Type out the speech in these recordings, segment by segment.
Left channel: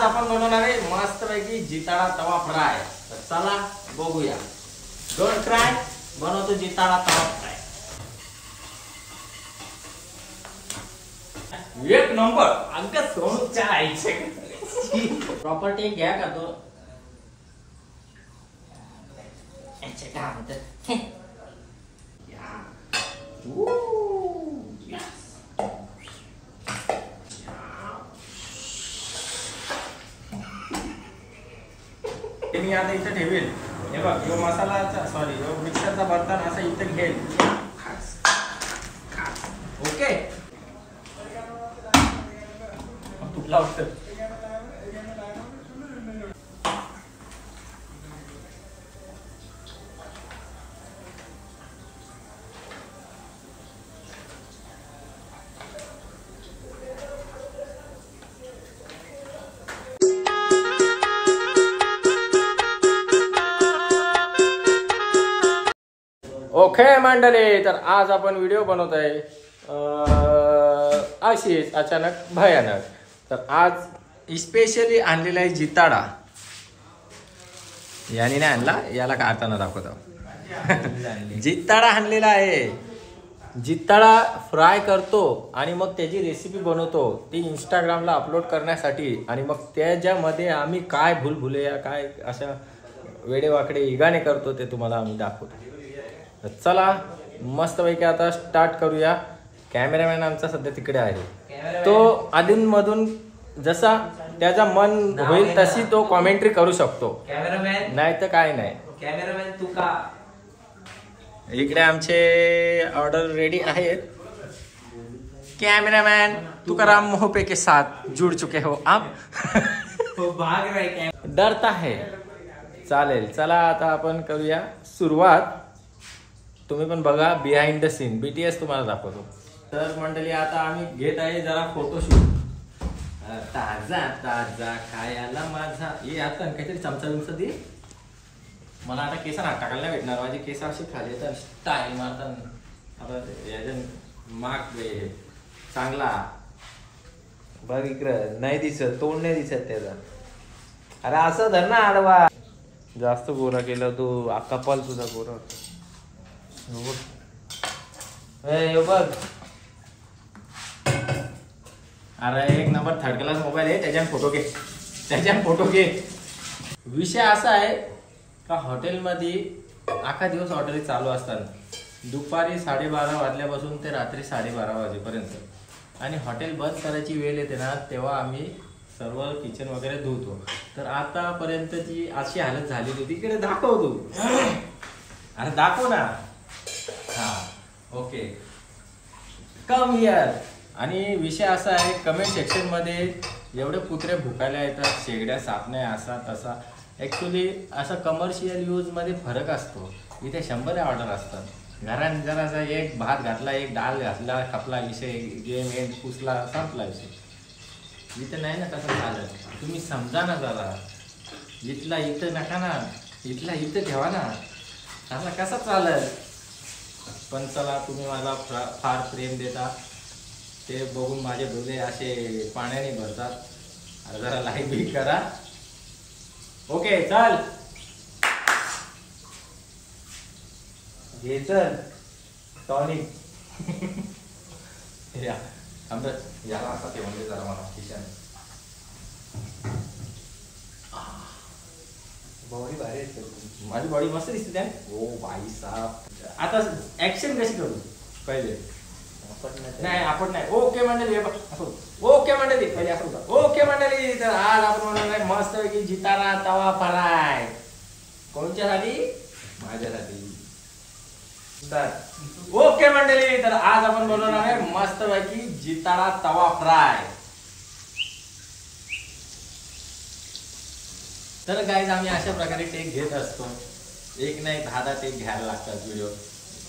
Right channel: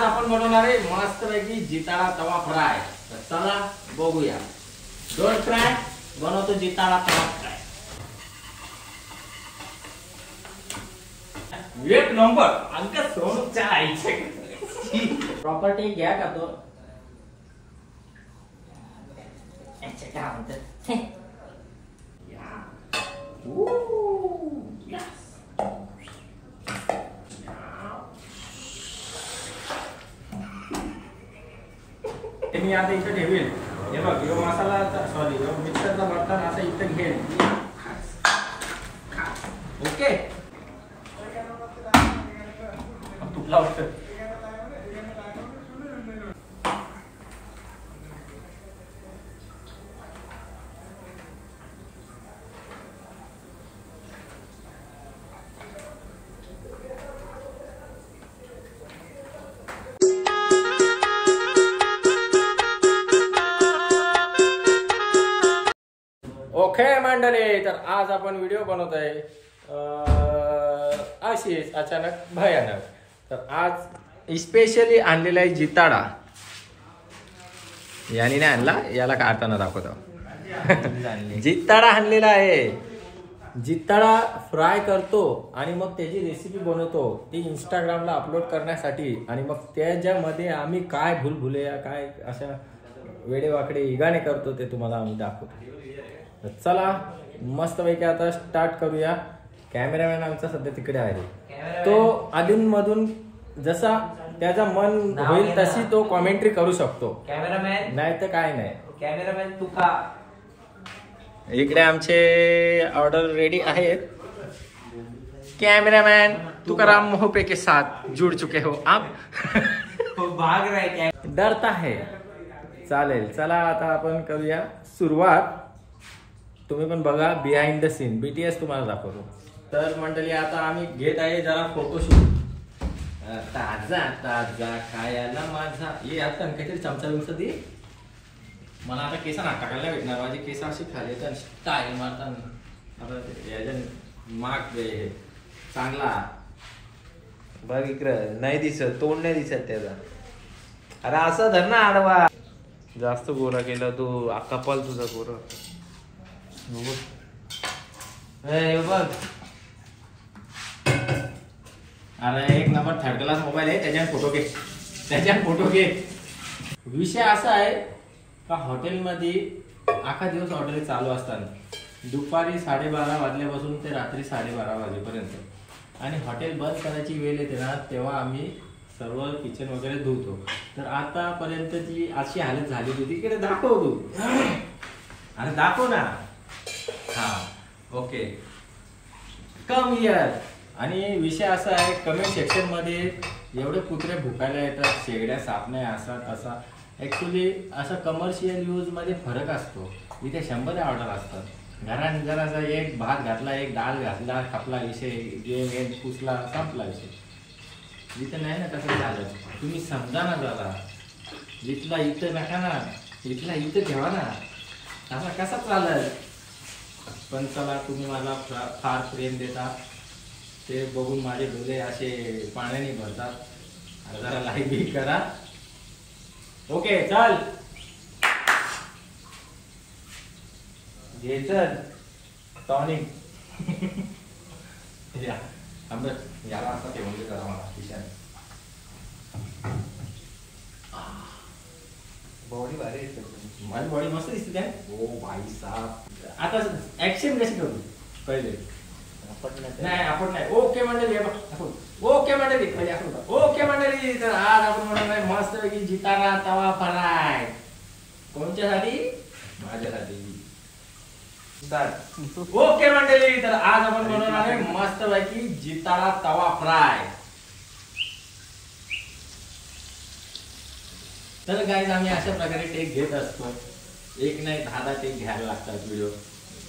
आज आपण बनवणार आहे मस्त पैकी जिताळा तवा फ्राय। तर चला बघूया। डोंट ट्राय, बनवतो जिताळा तवा फ्राय। एक नंबर अगं सोनूच्या आईचे प्रॉपर्टी घ्या का तो काय म्हणतात मी आता इथे ठेवेल। हे बघ यो मसालाचा सॉरी यो मिक्सरचा बर्तन असं इथे घेईल। ओके तुला वाटतं ओके मंडळी, तर आज आपण व्हिडिओ बनवत आहे अशीच अचानक भयानक। तर आज स्पेशली आणलेला आहे जिताडा। याने नाही आणला, याला काढताना दाखवतो। जिताडा आणलेला आहे। जिताडा फ्राय करतो आणि मग त्याची रेसिपी बनवतो, ती इंस्टाग्रामला अपलोड करण्यासाठी। आणि मग त्याच्यामध्ये आम्ही काय भूलभुलैया काय अशा वेडेवाकडे इगाने करतो ते तुम्हाला आम्ही दाखवतो। चला मस्त पैकी आता स्टार्ट करूया। कॅमेरामॅन आमचा सध्या तिकडे आहे, तो अधून मधून जसा त्याचा मन होईल तशी तो कॉमेंट्री करू शकतो। कॅमेरामॅन नाही तर काय नाही। कॅमेरामॅन तू का इकडे आमचे ऑर्डर रेडी आहेत। कॅमेरामॅन तुकाराम मोहपे के साथ जुड़ चुके हो आप। भाग रहे डरता है। चालेल चला आता आपण करूया सुरुवात। तुम्ही पण बघा बिहाइंड द सीन, बीटीएस तुम्हाला दाखवतो। तर मंडळी आता आम्ही घेत आहे जरा फोटोशूट। ताजा ताजा खायला माझा ये आता काहीतरी चमचा बिमचा दे मला। आता केस ना टाकायला नाही भेटणार, माझे केस असे खाली तर स्टाईल मारतात। आता याच्या माग चांगला बघ इकडं नाही दिसत, तोंड नाही दिसत त्याचा। अरे असं धर ना आडवा, जास्त गोरा केलं तू कपाल तुझा गोरा। बघ अरे एक नंबर थर्ड क्लास मोबाईल आहे, त्याच्यात फोटो घे, त्याच्यात फोटो घे। विषय असा आहे का हॉटेलमध्ये अख्खा दिवस हॉटेल चालू असतात, दुपारी 12:30 वाजल्यापासून ते रात्री 12:30 वाजेपर्यंत। आणि हॉटेल बंद करायची वेळ येते ना तेव्हा आम्ही सर्व किचन वगैरे धुतो। तर आतापर्यंतची अशी हालत झाली होती, तिकडे दाखव तू, अरे दाखव ना। हा ओके कम हियर। आणि विषय असा आहे कमेंट सेक्शन मध्ये एवढे कुत्रे भुकायला येतात, शेगड्या साफ नाही असा तसा। ऍक्च्युली असा कमर्शियल यूज मध्ये फरक असतो। इथे 100 ऑर्डर असतात, घरात जरा एक भात घातला एक डाळ घातला खपला विषय, गेम पुसला संपला विषय। इथं नाही ना तसं झालं, तुम्ही समजा ना जरा। इथला इथं नका ना, इथला इथं ठेवा ना, असा कसा चालेल। पण चला तुम्ही मला फार प्रेम देता, ते बघून माझे डोळे असे पाण्याने भरतात। जरा लाईक बी करा। ओके चल घे चल टॉनिक याला असं ठेवून दे जरा मला किशन। बॉडी भारी माझी बॉडी मस्त दिसते त्या। ओ भाई साहब आता ऍक्शन कशी करू पहिले नाही आपण नाही। ओके मंडळी ओके मंडळी पहिले असं होतं। ओके मंडळी, तर आज आपण म्हणणार आहे मस्त पैकी जिताडा तवा फ्राय। कोणच्यासाठी? माझ्यासाठी। ओके मंडळी, तर आज आपण बनवणार आहे मस्त पैकी जिताडा तवा फ्राय। तर गाइस आम्ही अशा प्रकारे टेक घेत असतो, एक नाही 10 टेक घ्यायला लागतात। व्हिडिओ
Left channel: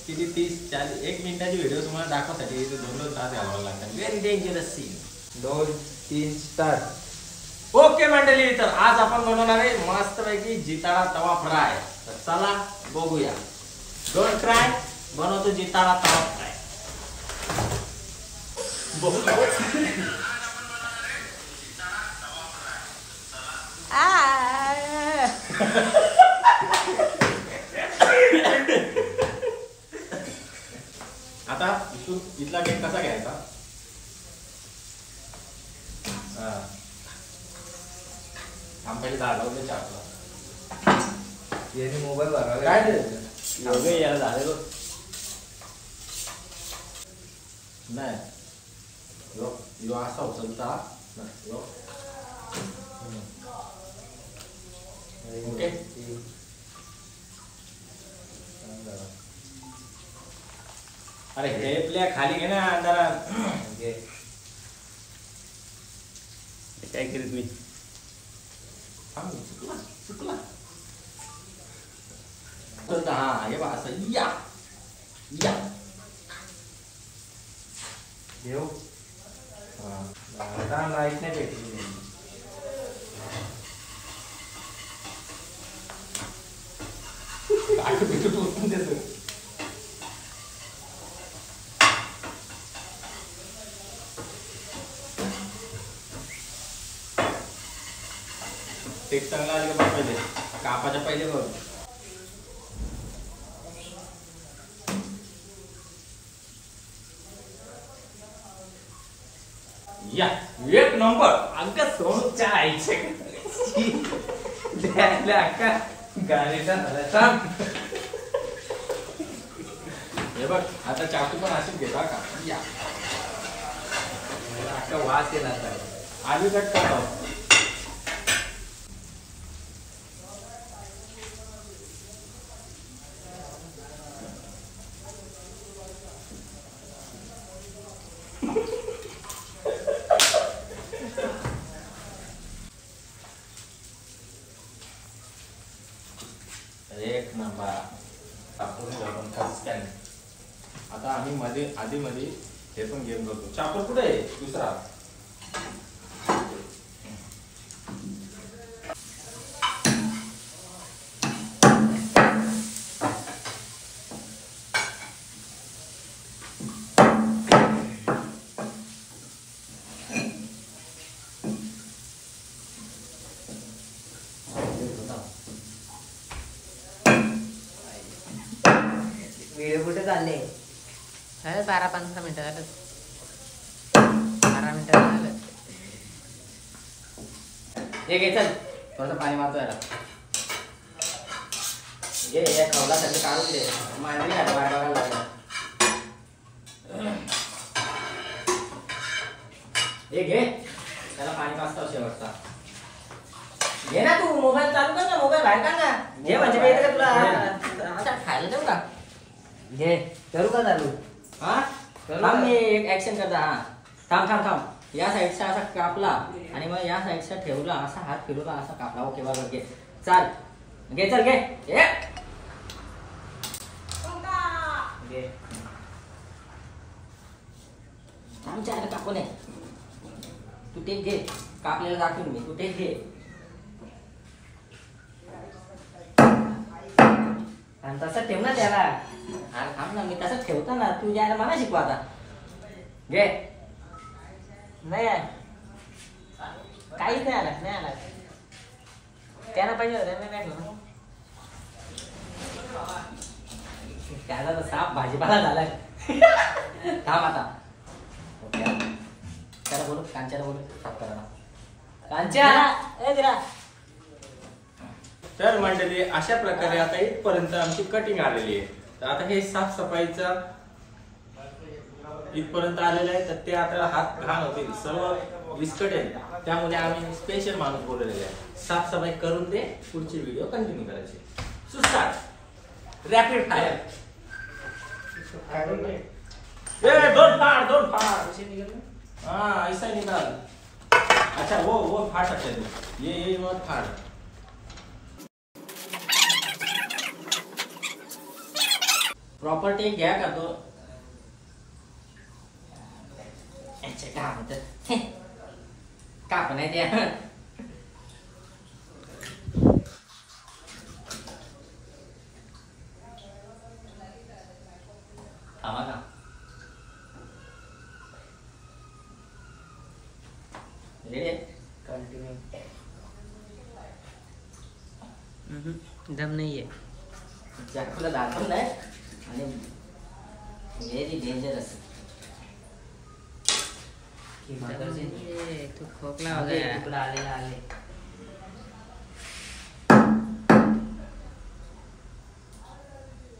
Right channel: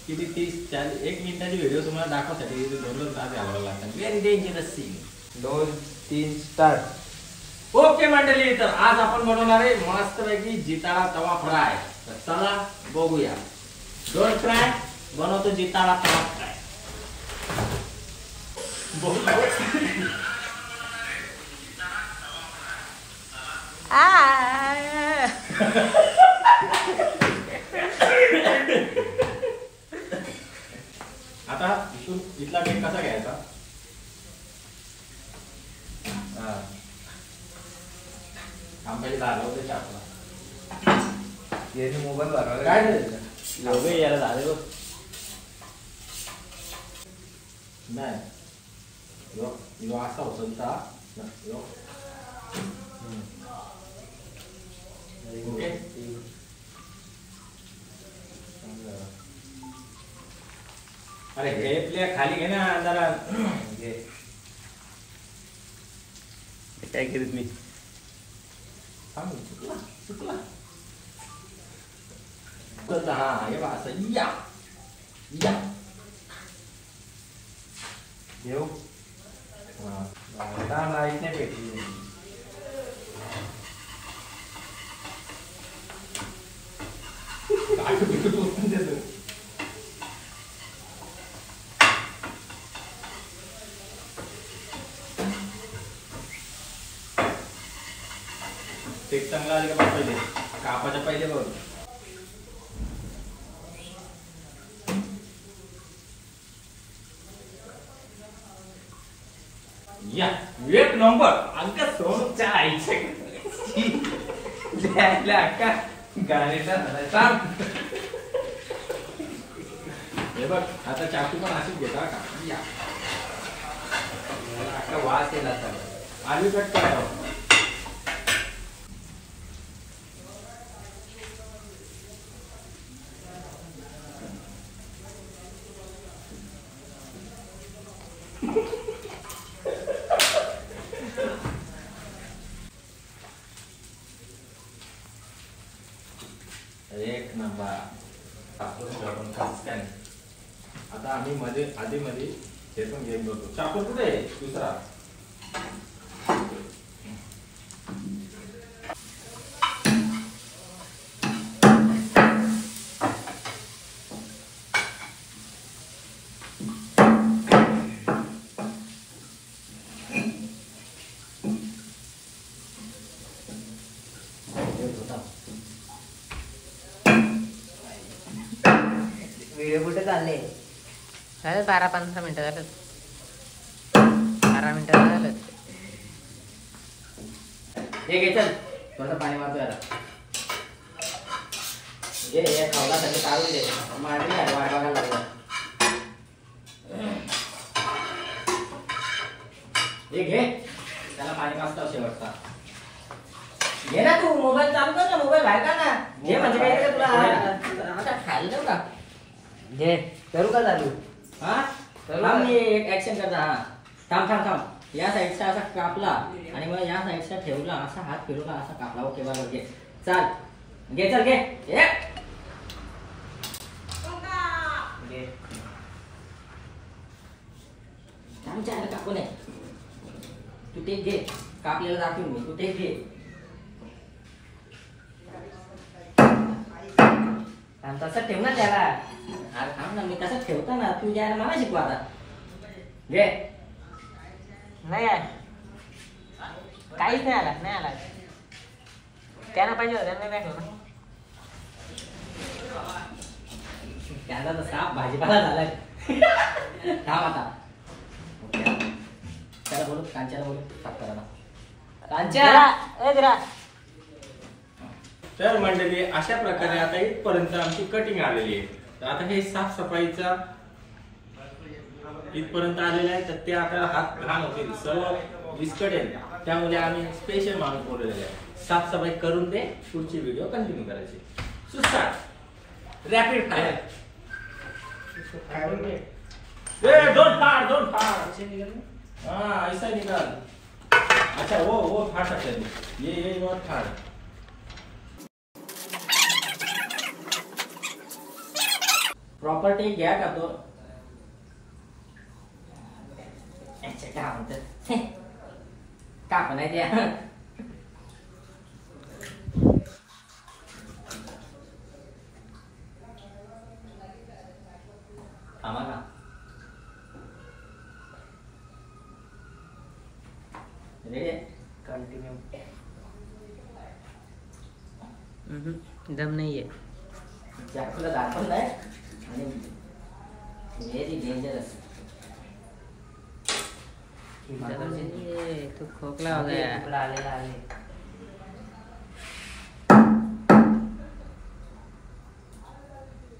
किती 30-40 1 मिनिटाची व्हिडिओ तुम्हाला दाखवण्यासाठी 2-2 तास घालवावे लागतात। Very dangerous scene. 2-3 start. Okay मंडळी, तर आज आपण बनवणार आहे मस्त पैकी जिताडा तवा फ्राय। तर चला बघूया। डोंट ट्राय, बनवतो जिताडा तवा फ्राय। आता इथून इथला केक कसा घ्यायचा? आंब्याची दादा होते चापला याने मोबाईल भरावा काय रे यार झाले नाही यो यो असा उचलता यो ओके अरे हे प्ले खाली घे ना जरा काय केलं मी थांब चुकला चुकला चलता हा हे बा असं या या घेऊ लाईट नाही भेटली टेक चांगला आले का पहिले कापाच्या पहिले बघ या एक नंबर अगं सोनूच्या आईचे अक्का गाणीचा हे बघ आता चाकू पण अशीच घेता का या अक्का वास येला आलू कट करतो एक नंबर टाकून आपण स्कॅन आता आम्ही मध्ये आधी मध्ये हे पण गेम करतो चाकू कुठे आहे दुसरा व्हिडिओ कुठे चालले झालं 12-15 मिनिटं झालं 12 मिनिटं झालं हे घे चल थोडं पाणी मारतो यार घे या खावला सगळे काढून दे मारली वाट बघायला लागलं हे घे त्याला पाणी पाजता शेवटचा घे ना तू मोबाईल चालू कर ना मोबाईल बाहेर काढ ना घे म्हणजे काय तुला आता खायला देऊ का घे करू का चालू हा थांब मी एक ऍक्शन करता हा थांब थांब थांब या साईडचा असा कापला आणि मग या साईडचा ठेवला असा हात फिरवला असा कापला ओके बरोबर घे चाल घे चल घे घे थांब चायला कापू नये तू टेक घे कापलेला दाखवीन मी तू टेक घे आणि तसं ठेव ना त्याला अरे थांब ना मी तसं ठेवतो ना तू यायला मला शिकवा आता घे नाही आहे काहीच नाही आला नाही आला त्यानं पाहिजे होतं त्यांना भेटलं ना त्याला तर साप भाजीपाला झालाय थांब आता ओके त्याला बोलू कांच्याला बोलू साफ करायला कांच्या तर मंडळी अशा प्रकारे आता इथपर्यंत आमची कटिंग आलेली आहे तर आता हे साफसफाईचा इथपर्यंत आलेलं आहे तर ते आपल्याला हात घाण होतील सर्व विस्कटेल त्यामुळे आम्ही स्पेशल माणूस बोलवलेले आहे साफसफाई करून दे पुढची व्हिडिओ कंटिन्यू करायची सुस्टार्ट रॅपिड फायर डोंट फायर हाँ ऐसा ही निकाल अच्छा वो फाड़ सकते हैं ये मत फाड़ प्रॉपर्टी घ्या का तो काय म्हणतात का पण आहे द्या थांबा का रेडी कंटिन्यू दम नाहीये. चाकूला दाखवलं नाही आणि व्हेरी डेंजरस. दम नाहीये. तू खोकला हो गया. तुकडा आलेला आले.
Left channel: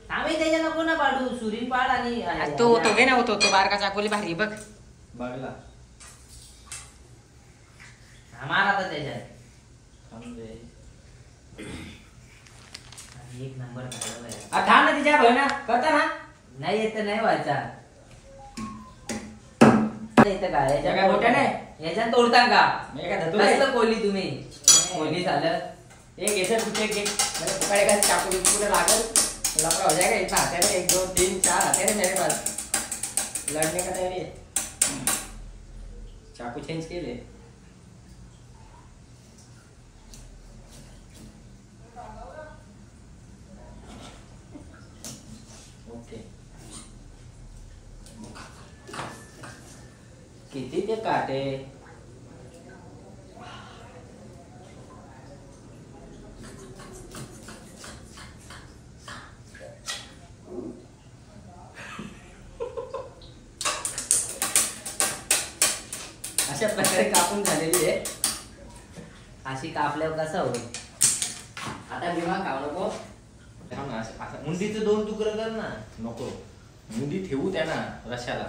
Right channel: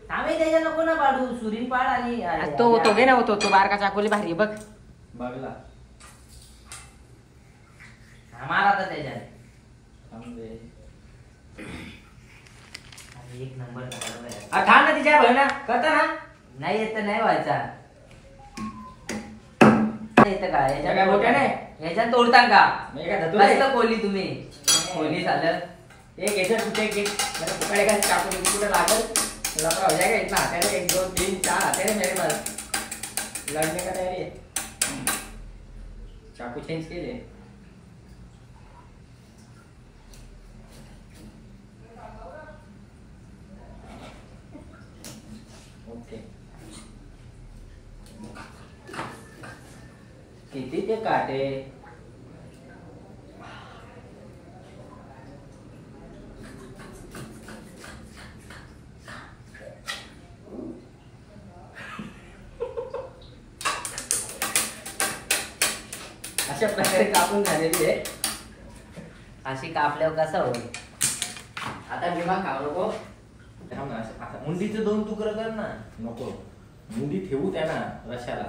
आम्ही त्याच्या नको ना पाडू. सुरीन पाड आणि तो घे ना. तो बारका चाकोली भारी बघ. बघला मार आता त्याच्यात. एक नंबर थांब ना. तिच्या बहिणा करता ना. नाही येत तर नाही व्हायचा. येतं का याच्या काय मोठ्या नाही याच्यात तोडता का. कसलं कोली तुम्ही. कोली झालं एक याच्यात कुठे एक चाकू तुला लागल. लपडा हो जाएगा इतना. हाते में 1 2 3 4 हाते हैं मेरे पास. लड़ने का तैयारी है. चाकू चेंज केले. ओके किती ते काटे. अशा प्रकारे कापून झालेली आहे. अशी कापल्यावर कसं होईल. आता दिमाग खाऊ नको. मुंडीचे 2 तुकडे कर ना. नको मुंडी ठेवू त्यांना रश्याला.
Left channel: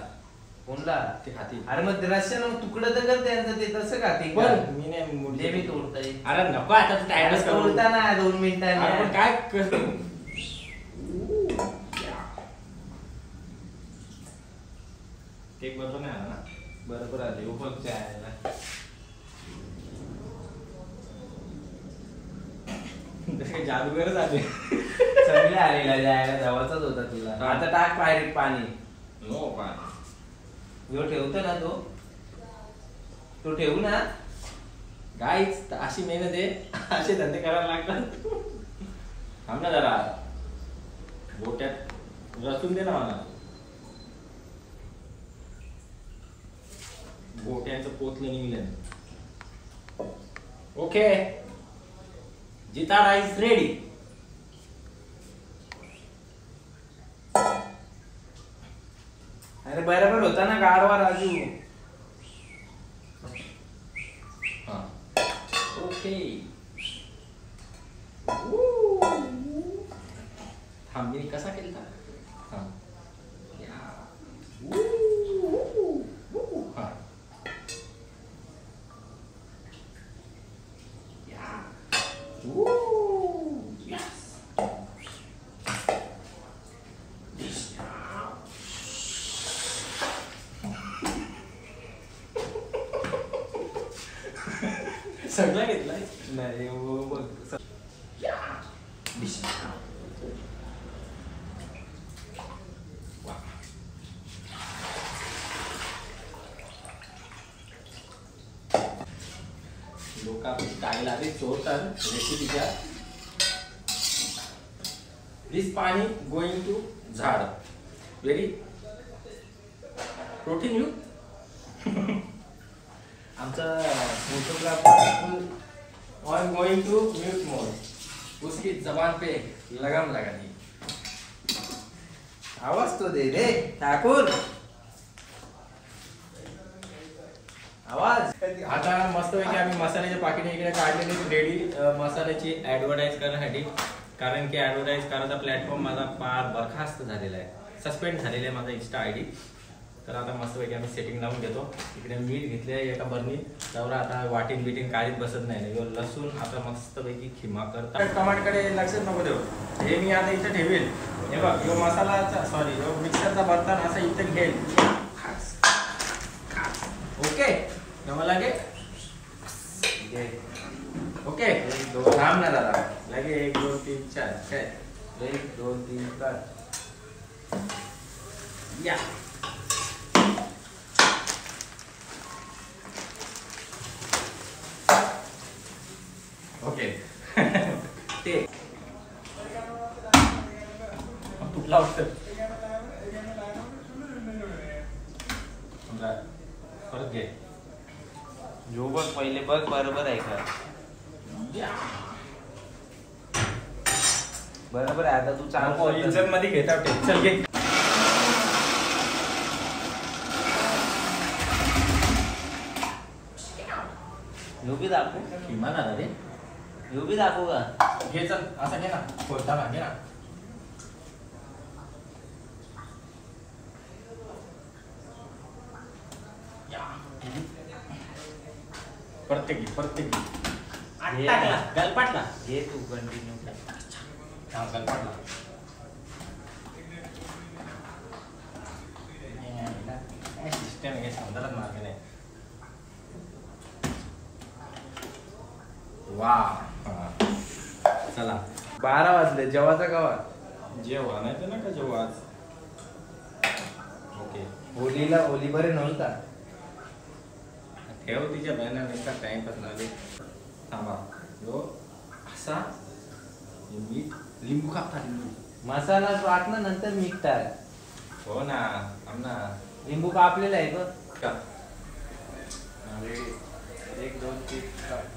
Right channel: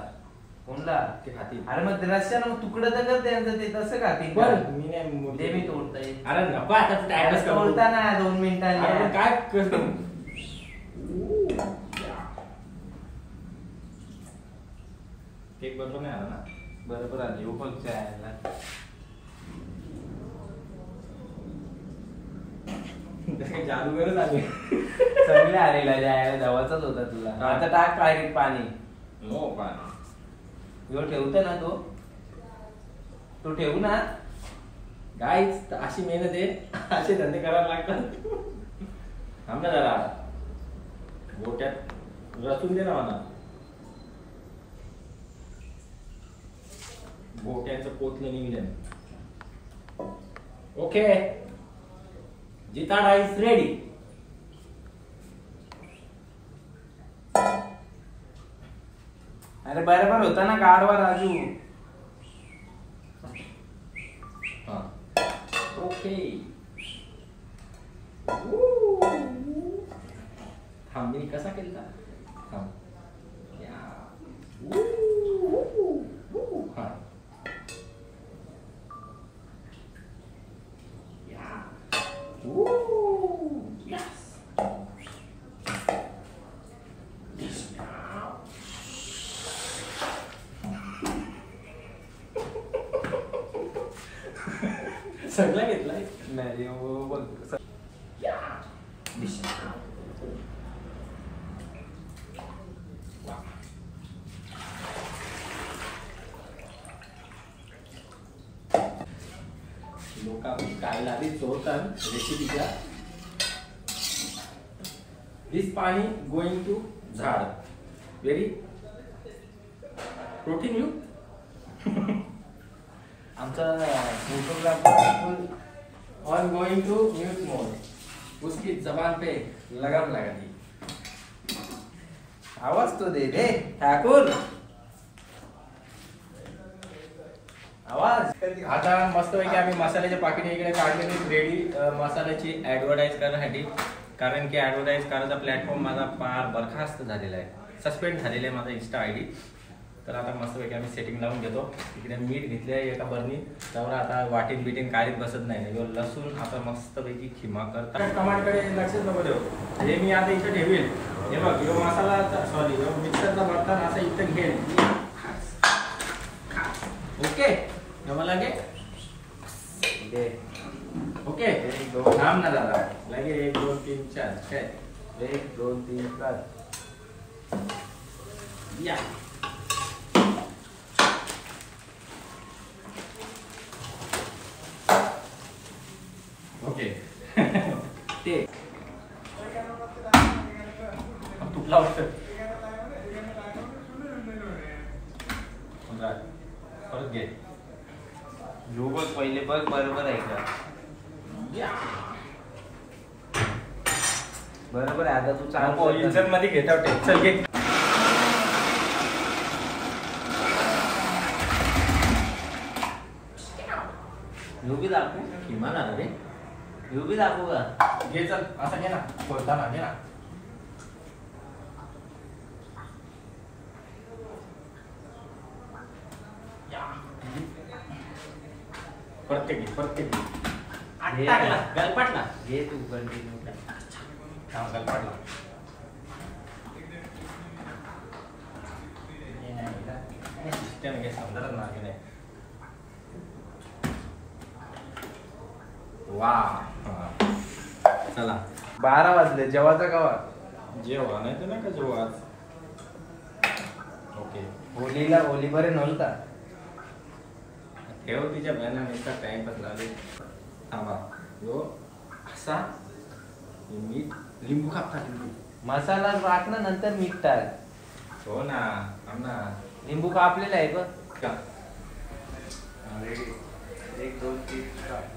कोणला ते खाती. अरे मग रश्याला मग तुकडं तर कर त्यांचं. ते तसं खाते पण मी नाही ते मी तोडताय. अरे नको आता तू ऍडजस्ट कर. तोडता ना 2 अरे मिनिटांनी. पण काय कर. केक बरोबर नाही आला ना. बरोबर आली उपलब्ध आहे. जादूगरच आले. चांगले आलेला जायला जवळचाच होता तुला. आता टाक डायरेक्ट पाणी. नो पाणी. जो ठेवतो ना तो ठेवू ना. गाईच अशी मेहनत आहे. असे धंदे करायला लागतात. थांब ना जरा. गोट्यात रचून दे ना मला. गोट्यांचं पोतलं निघलं. ओके जिताडा इज रेडी. अरे बरोबर होता ना गाडवा राजू. हा ओके. थांब मी कसा केलता. थांब हा सगळं घेतलाय. नाही हो बघ. लोक काय लागली चोरतात रेसिपीच्या. दिस पाणी गोइंग टू झाड. Very protein you. आमचा photographer on going to mute mode. उसकी जबान पे लगाम लगा दी. आवाज तो दे रे ठाकूर. आवाज. आता मस्तपैकी आम्ही मसाल्याच्या पाकिटे इकडे काढलेली रेडी मसाल्याची ऍडव्हर्टाईज करण्यासाठी. कारण की ऍडव्हर्टाईज करायचा प्लॅटफॉर्म माझा फार बरखास्त झालेला आहे. सस्पेंड झालेला आहे माझा इंस्टा आयडी. तर आता मस्तपैकी आम्ही सेटिंग लावून घेतो. इकडे मीठ घेतले आहे एका बरणीत. त्यावर आता वाटीन बिटीन काढीत बसत नाही. लसूण आता मस्तपैकी खिमा करता. टमाटकडे लक्ष नको देऊ. हे मी आता इथे ठेवेल. हे बघ यो मसालाचा सॉरी मिक्सरचा बर्तन असं इथे घेईल. ओके मला लगे ओके. थांब ना दादा. लगे 1 2 3 4 1 2 3 4 या. ओके ते तुटला वाटतं. परत घे. जो बघ पहिले बघ बरोबर आहे का. या बरोबर आहे, आता तू चांगलं इंजन मध्ये घेता टेक चल घे. योगी दाखवू किमान आला रे. योगी दाखवू का? घे चल असं घे ना फोडताना घे ना. प्रत्येक आठ घे. टाकला गलपाटला. घे तू कंटिन्यू. हा गलपाटला. सिस्टम हे समजायला मार्ग नाही. वा चला 12 वाजले जेवायचा गावात. जेव्हा नाही तर नका जेव्हा आज. ओके होलीला होली बरे नव्हता. ठेव तिच्या बहिणा नुसता टाइमपास लावले. थांबा यो असा हे मीठ लिंबू कापता लिंबू. मसाला टाक ना नंतर मीठ टाक. हो ना थांब ना. लिंबू कापलेला आहे बघ. का? 1 2 3 4.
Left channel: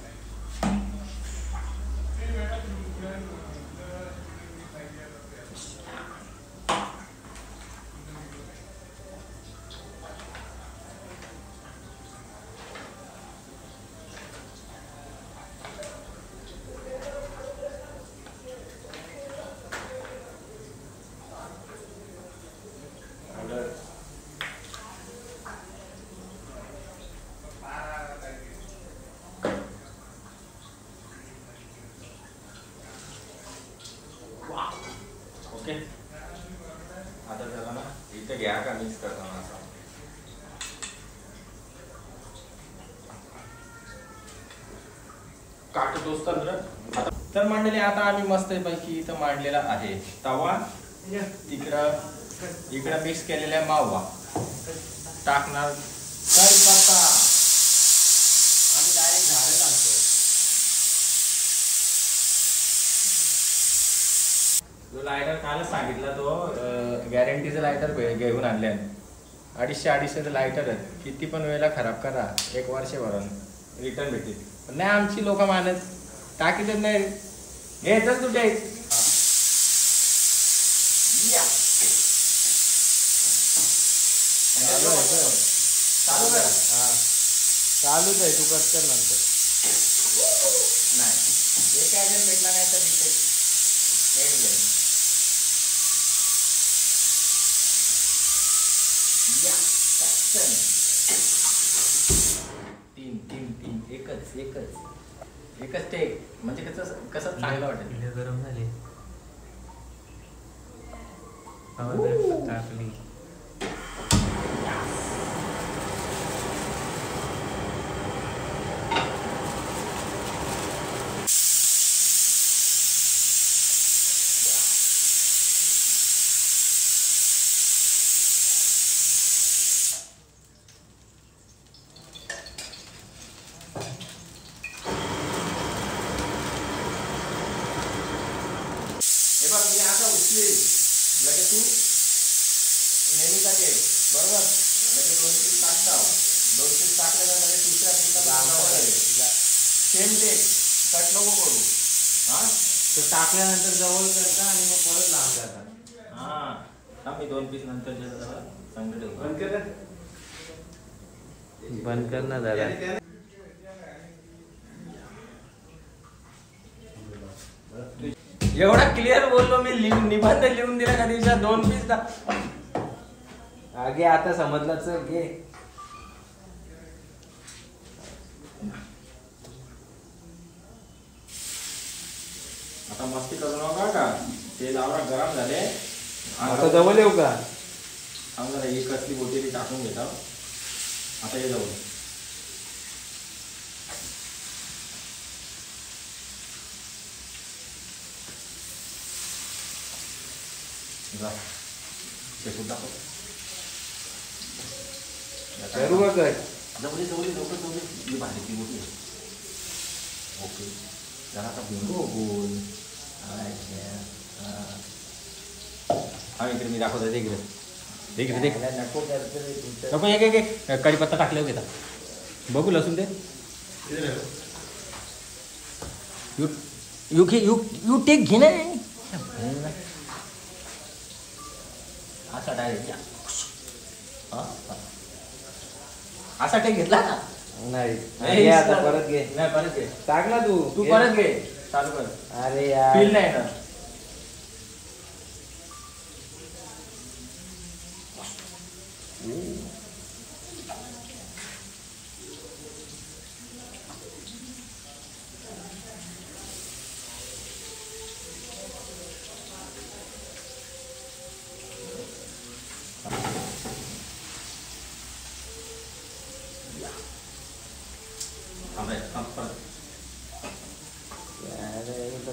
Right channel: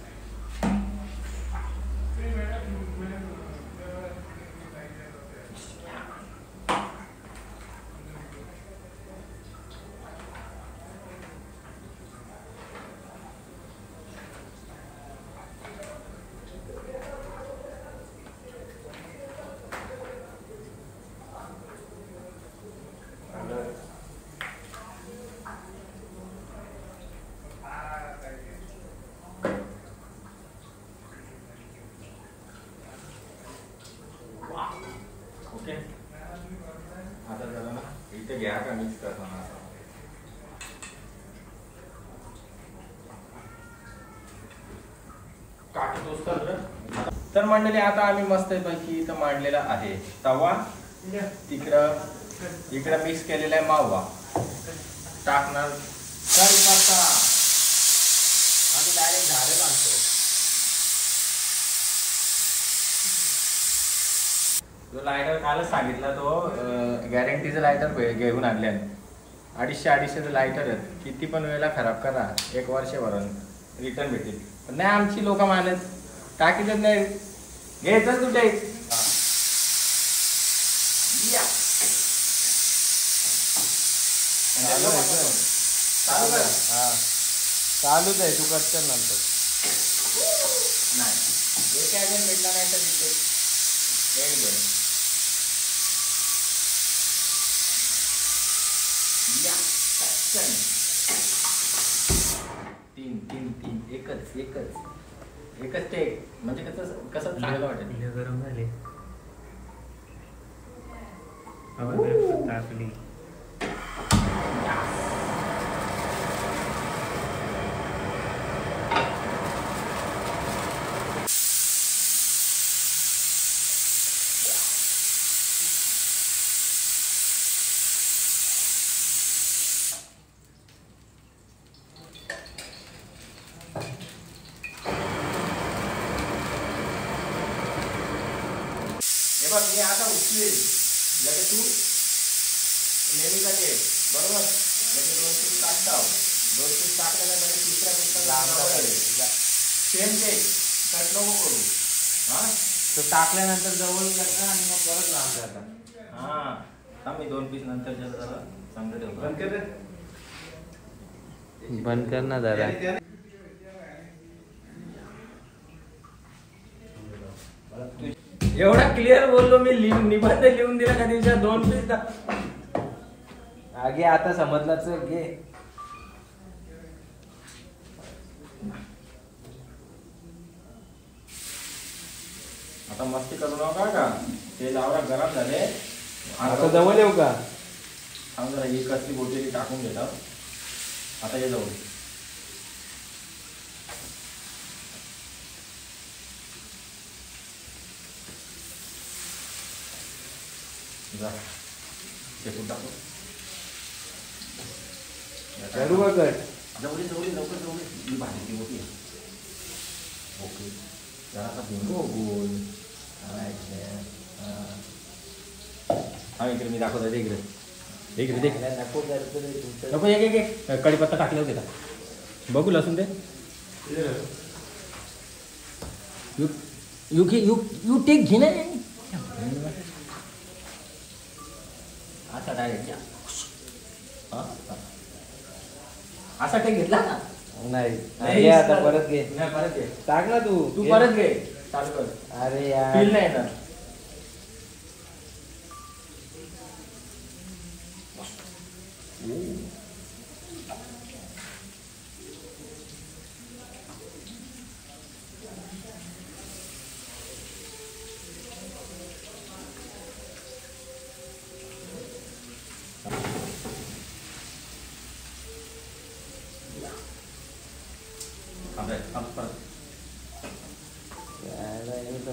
ओके आता त्याला ना इथे घ्या का मिक्स करताना असं. काटतोस तर मंडळी आता आम्ही मस्त पैकी इथं मांडलेला आहे तवा. इकडं मिक्स केलेला आहे मावा. टाकणार कढीपत्ता. आम्ही डायरेक्ट झाडे आणतो. जो लायटर कालच सांगितला तो गॅरंटीचं लायटर घेऊन आणले. 250-250 लायटर आहेत. किती पण वेळेला खराब करा 1 वर्षभरून रिटर्न भेटेल. पण नाही आमची लोक मानत टाकीतच नाही. घ्यायचं तुटे चालू कर. चालूच आहे तू पटकन नंतर. नाही एक ॲजन भेटला नाही तर तीन एकच ते म्हणजे कसं चांगलं वाटेल. गरम झाले. टाकली. हे बघ मी आता उचलेल लगे तू नेहमीसाठी बरोबर. लगे 2 पीस टाकता. 2 पीस टाकल्यानंतर लगे तिसऱ्या पीसला सेम ते कट नको करू. हा तो टाकल्यानंतर जवळ करता आणि मग परत लांब करता. हा मी 2 पीस नंतर जरा चांगलं ठेवतो. बंद कर ना जरा. एवढा क्लिअर बोललो मी. निबंध लिहून दिला का दिवसात 2 पीस. आगे आता समजला. चल घे. आता मस्ती करू नका का. ते लावरा गरम झाले. आता जवळ येऊ का? जरा एक कसली बोटेली टाकून घेतात. आता हे जवळ जा शेकून टाकू. करू का कट? जवळी लवकर ही भाजी ती मोठी आहे. ओके जरा आता बिंगो गोल. हा इकडे मी दाखवतो. इकडे देख नको. एक कढीपत्ता टाकल्यावर देतात. बघू लसूण दे. यू टेक घे ना. असा डायरेक्ट असा टेक घेतला ना. नाही आता परत घे. नाही परत घे. टाक ना तू. तू परत घे. चालू कर. अरे यार फील नाही ना.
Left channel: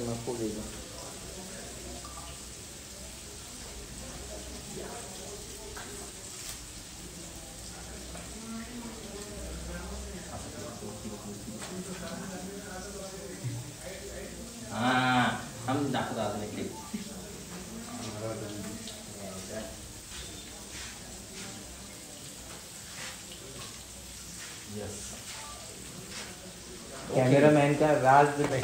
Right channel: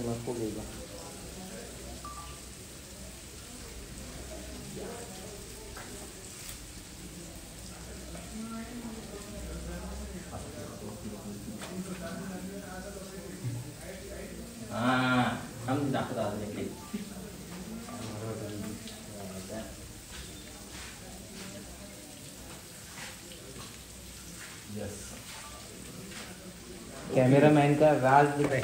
नको घेऊ. हम दाखवतो अजून एक. कॅमेरामॅन का राज दिखाई.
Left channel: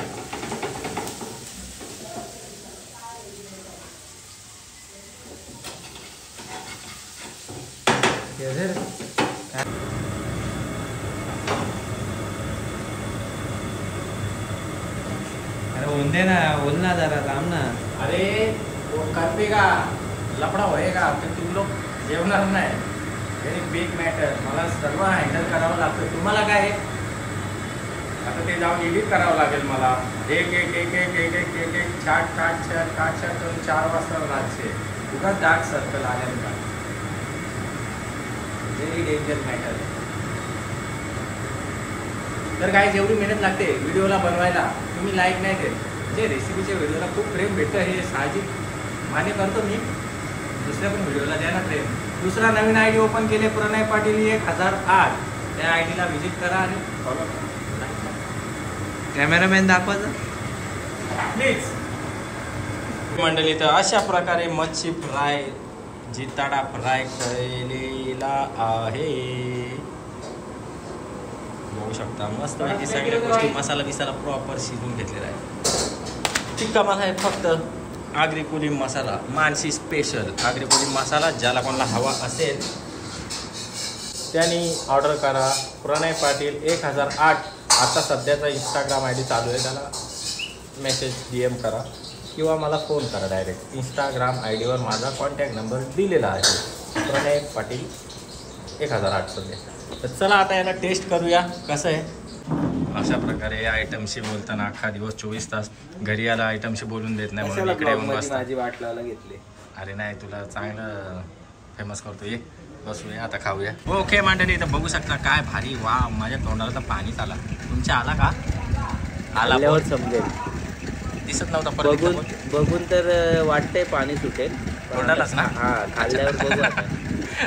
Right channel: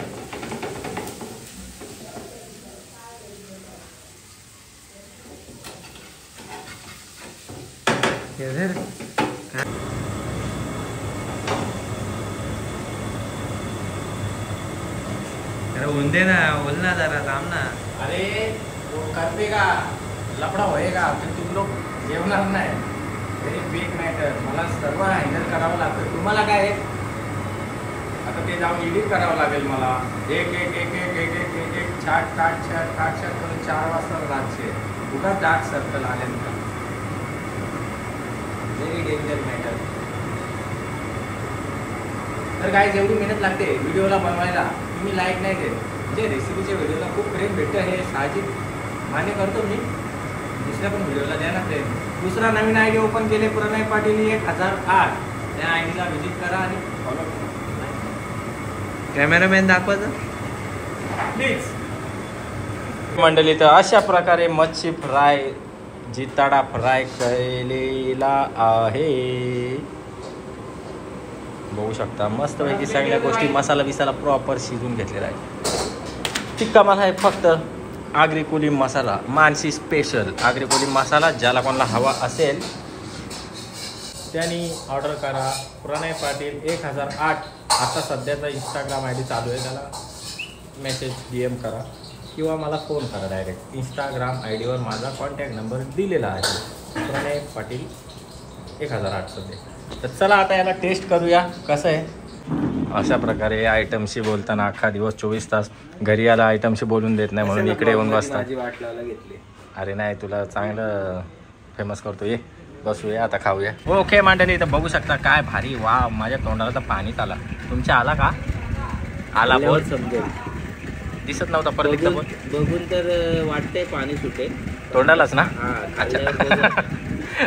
दे ना, बोल ना जरा, थांब ना. अरे वो करते का लफड़ा होएगा तर तुम्ही लोक जेवणार नाही. Very big matter. मला सर्व हँडल करावं लागतं. तुम्हाला काय आता ते जाऊन एडिट करावं लागेल मला. एक एक एक एक एक एक एक एक छाट काट छाट काट छाट करून 4 वाजता रातचे उगाच डार्क सर्कल आल्यानंतर. Very danger matter. तर काय जेवढी मेहनत लागते व्हिडिओला बनवायला तुम्ही लाईक नाही केलं. जे रेसिपीच्या व्हिडिओला खूप प्रेम भेटतं हे साहजिक मान्य करतो मी. दुसऱ्या पण व्हिडिओला द्या ना प्रेम. दुसरा नवीन आय डी ओपन केले प्रणय पाटील 1008. त्या आय डीला व्हिजिट करा आणि फॉलो करा. कॅमेरामॅन दाखवायचं प्लीज. मंडळी तर अशा प्रकारे मच्छी फ्राय जिताडा फ्राय केलेला आहे. बघू शकता मस्तपैकी सगळ्या गोष्टी मसाला बिसाला प्रॉपर शिजून घेतलेला आहे. टिक्का मला आहे फक्त आगरी कोली मसाला. मानसी स्पेशल आगरी कोली मसाला. ज्याला कोणाला हवा असेल त्यांनी ऑर्डर करा. प्रणय पाटील 1008 आता सध्याचा इंस्टाग्राम आय डी चालू आहे. त्याला मेसेज DM करा किंवा मला फोन करा डायरेक्ट. इंस्टाग्राम आय डीवर माझा कॉन्टॅक्ट नंबर दिलेला आहे. प्रणय पाटील 1008 सध्या. तर चला आता याला टेस्ट करूया कसं आहे. अशा प्रकारे आयटमशी बोलताना अख्खा दिवस 24 तास घरी आला आयटमशी बोलून देत नाही म्हणून इकडे येऊन बसता. माझी वाट लावायला घेतली. अरे नाही तुला चांगलं फेमस करतो. ये बसूया आता खाऊया. ओके मंडळी तर बघू शकता काय भारी. वा माझ्या तोंडाला तर पाणीच आला. तुमच्या आला का? आला बोल. समजेल. दिसत नव्हता परत बघून तर वाटतंय पाणी सुटेल तोंडालाच ना. हा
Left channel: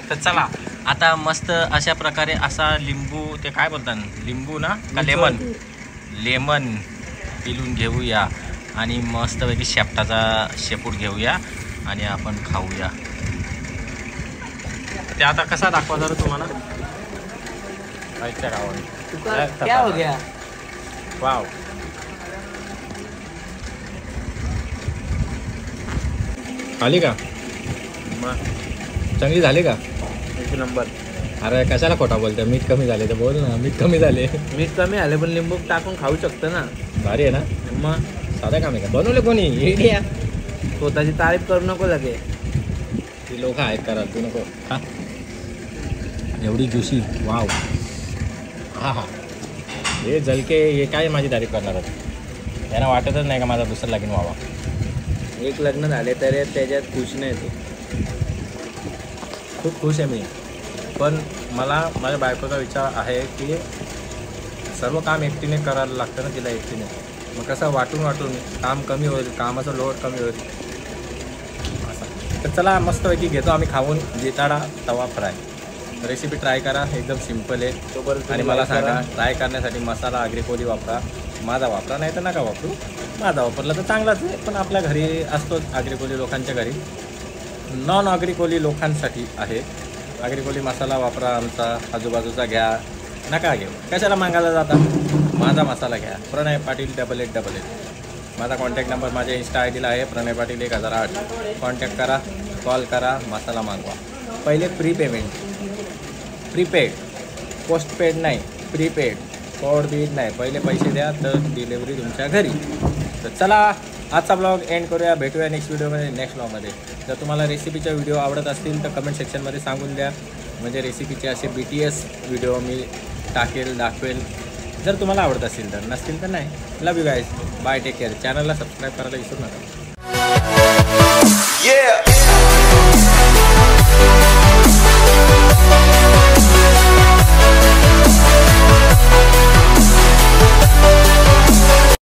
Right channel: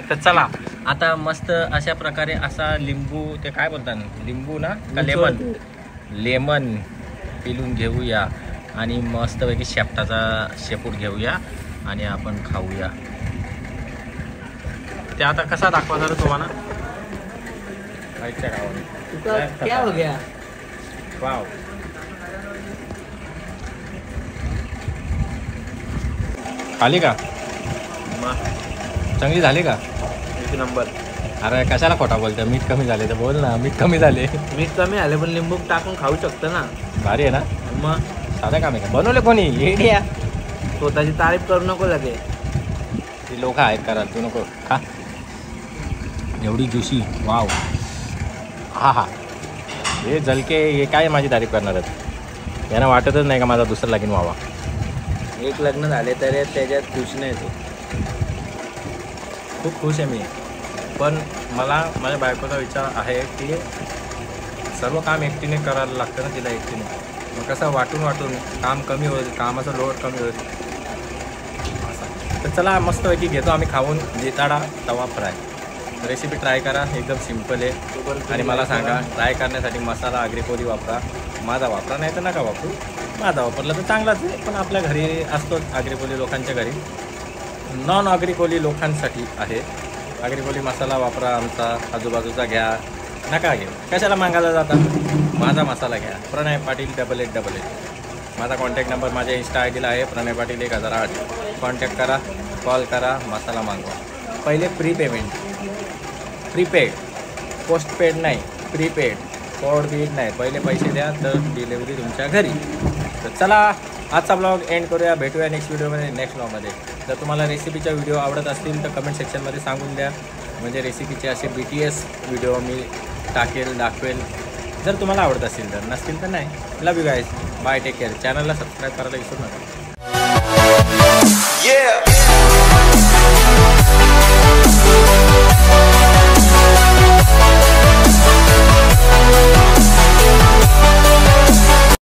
तर चला आता मस्त अशा प्रकारे असा लिंबू ते काय बोलतात लिंबू ना का लेमन पिलून घेऊया आणि मस्तपैकी शेपटाचा शेपूट घेऊया आणि आपण खाऊया. ते आता कसा दाखवा जरा तुम्हाला. क्या हो गया? वाव. आली का चांगली झाली का? 1 नंबर. अरे कशाला खोटा बोलतोय. मीठ कमी झाले तर बोल ना. मीठ कमी झाले. मीठ कमी आले पण लिंबू टाकून खाऊ शकतो ना. भारी आहे ना. मग साधा काम आहे का? बनवले कोणी? इंडिया. स्वतःची तारीफ करू नको लगे. ती लोक आहेत करा तू नको खा. एवढी ज्युशी वाव. हा हा हे झलके हे काय माझी तारीफ करणार आहेत. त्यांना वाटतच नाही का माझा दुसरा लगीन व्हावा. 1 लग्न झाले तरी त्याच्यात खुश नाही तू. खूप खुश आहे मी. पण मला माझ्या बायकोचा विचार आहे की सर्व काम एकटीने करायला लागतं ना तिला एकटीने. मग कसं वाटून काम कमी होईल. कामाचा लोड कमी होईल असं. तर चला मस्तपैकी घेतो आम्ही खाऊन जिताडा तवा फ्राय. रेसिपी ट्राय करा. एकदम सिम्पल आहे. आणि मला सांगा ट्राय करण्यासाठी मसाला आगरी कोली वापरा. माझा वापरा नाही तर नका वापरू. माझा वापरला तर चांगलाच आहे. पण आपल्या घरी असतोच आगरी कोली लोकांच्या घरी. नॉन आगरी कोली लोकांसाठी आहे. आगरी कोली मसाला वापरा. आमचा आजूबाजूचा घ्या नका घेऊ. कशाला मागायला जाता. माझा मसाला घ्या. प्रणय पाटील 8888. माझा कॉन्टॅक्ट नंबर माझ्या इंस्टा आय डीला आहे, प्रणय पाटील 1008. कॉन्टॅक्ट करा, कॉल करा, मसाला मागवा. पहिले प्रीपेड, पोस्टपेड नाही, प्रीपेड, फॉर बीड नाही. पहिले पैसे द्या तर डिलेवरी तुमच्या घरी. तर चला आजचा ब्लॉग एंड करूया. भेटूया नेक्स्ट व्हिडिओमध्ये, नेक्स्ट ब्लॉगमध्ये. जर तुम्हाला रेसिपीच्या व्हिडिओ आवडत असतील तर कमेंट सेक्शनमध्ये सांगून द्या. म्हणजे रेसिपीचे असे BTS व्हिडिओ मी दाखवेल. जर तुम्हाला आवडत असतील तर, नसतील तर नाही. Love you guys, bye, take care. चॅनलला सबस्क्राईब करायला विसरू नका.